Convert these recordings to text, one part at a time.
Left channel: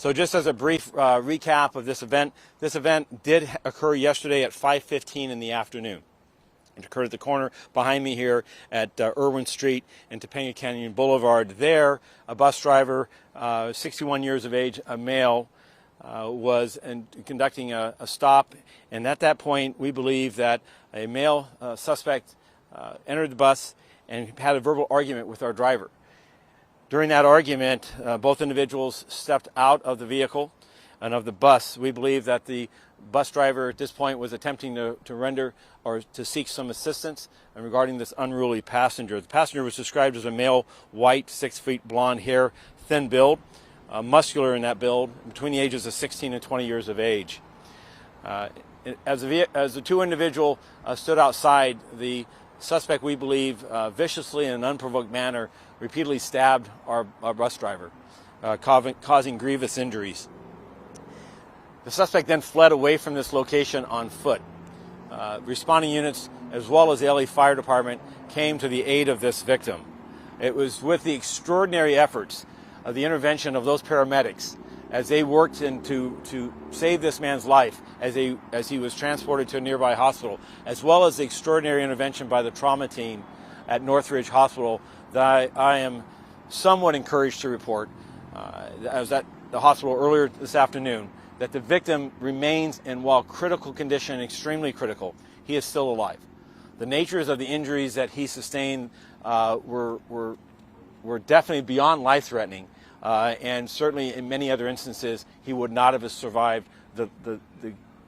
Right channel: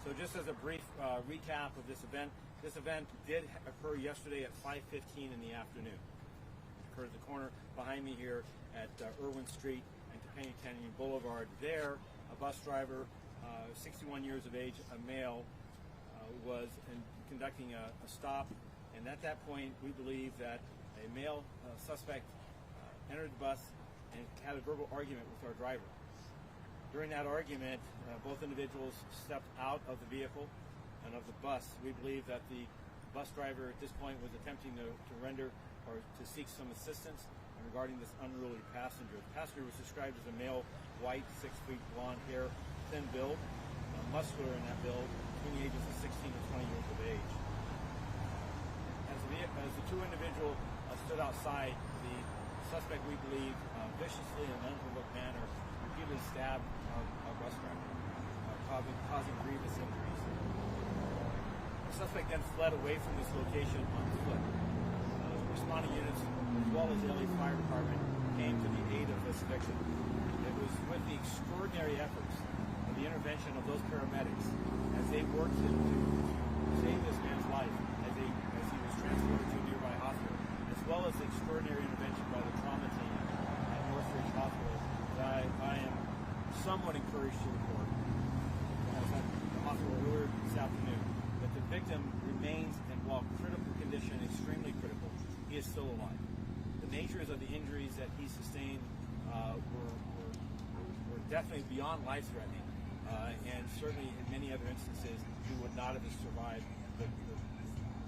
So just as a brief recap of this event did occur yesterday at 5:15 in the afternoon. It occurred at the corner behind me here at Irwin Street and Topanga Canyon Boulevard. There, a bus driver, 61 years of age, a male, was conducting a stop. And at that point, we believe that a male suspect entered the bus and had a verbal argument with our driver. During that argument, both individuals stepped out of the vehicle and of the bus. We believe that the bus driver at this point was attempting to render or to seek some assistance regarding this unruly passenger. The passenger was described as a male, white, 6 feet, blonde hair, thin build, muscular in that build, between the ages of 16 and 20 years of age. As the two individuals stood outside, the suspect, we believe, viciously in an unprovoked manner, repeatedly stabbed our bus driver, causing grievous injuries. The suspect then fled away from this location on foot. Responding units, as well as the LA Fire Department, came to the aid of this victim. It was with the extraordinary efforts of the intervention of those paramedics as they worked to save this man's life as he was transported to a nearby hospital, as well as the extraordinary intervention by the trauma team at Northridge Hospital, that I am somewhat encouraged to report, I was at the hospital earlier this afternoon, that the victim remains in, while critical condition, extremely critical, he is still alive. The natures of the injuries that he sustained were definitely beyond life-threatening, and certainly in many other instances he would not have survived the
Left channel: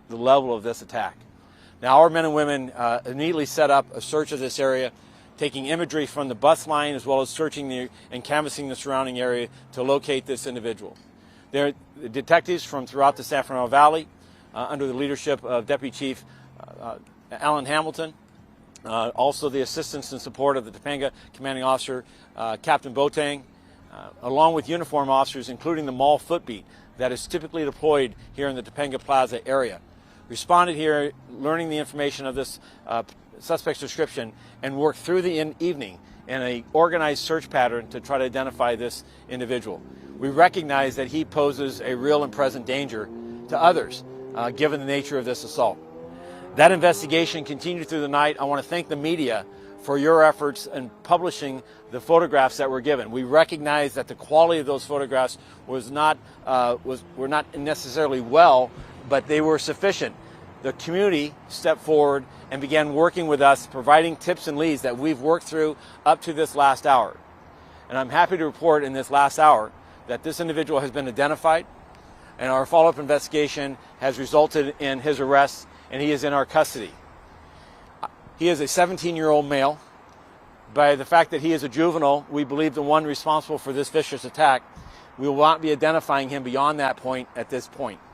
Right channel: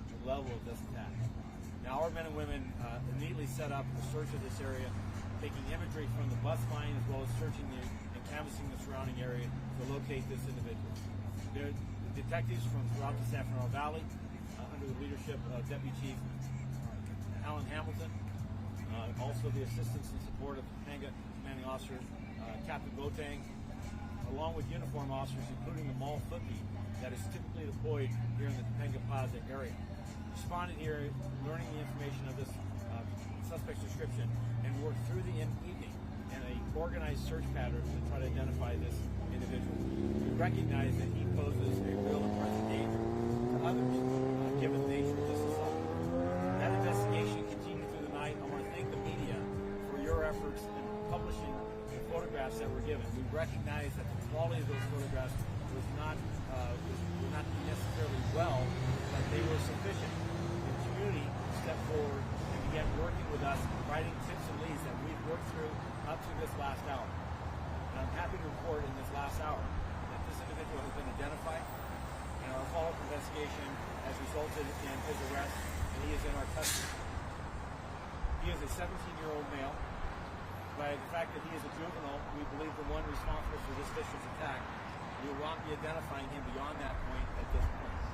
level of this attack. Now our men and women immediately set up a search of this area, taking imagery from the bus line as well as searching and canvassing the surrounding area to locate this individual. There are detectives from throughout the San Fernando Valley under the leadership of Deputy Chief Alan Hamilton, also the assistance and support of the Topanga Commanding Officer Captain Boateng, along with uniform officers including the mall footbeat that is typically deployed here in the Topanga Plaza area. Responded here, learning the information of this suspect's description, and worked through the evening in an organized search pattern to try to identify this individual. We recognize that he poses a real and present danger to others, given the nature of this assault. That investigation continued through the night. I want to thank the media for your efforts in publishing the photographs that were given. We recognize that the quality of those photographs were not necessarily well, but they were sufficient. The community stepped forward and began working with us, providing tips and leads that we've worked through up to this last hour. And I'm happy to report in this last hour that this individual has been identified, and our follow-up investigation has resulted in his arrest, and he is in our custody. He is a 17-year-old male. By the fact that he is a juvenile, we believe the one responsible for this vicious attack. We will not be identifying him beyond that point at this point.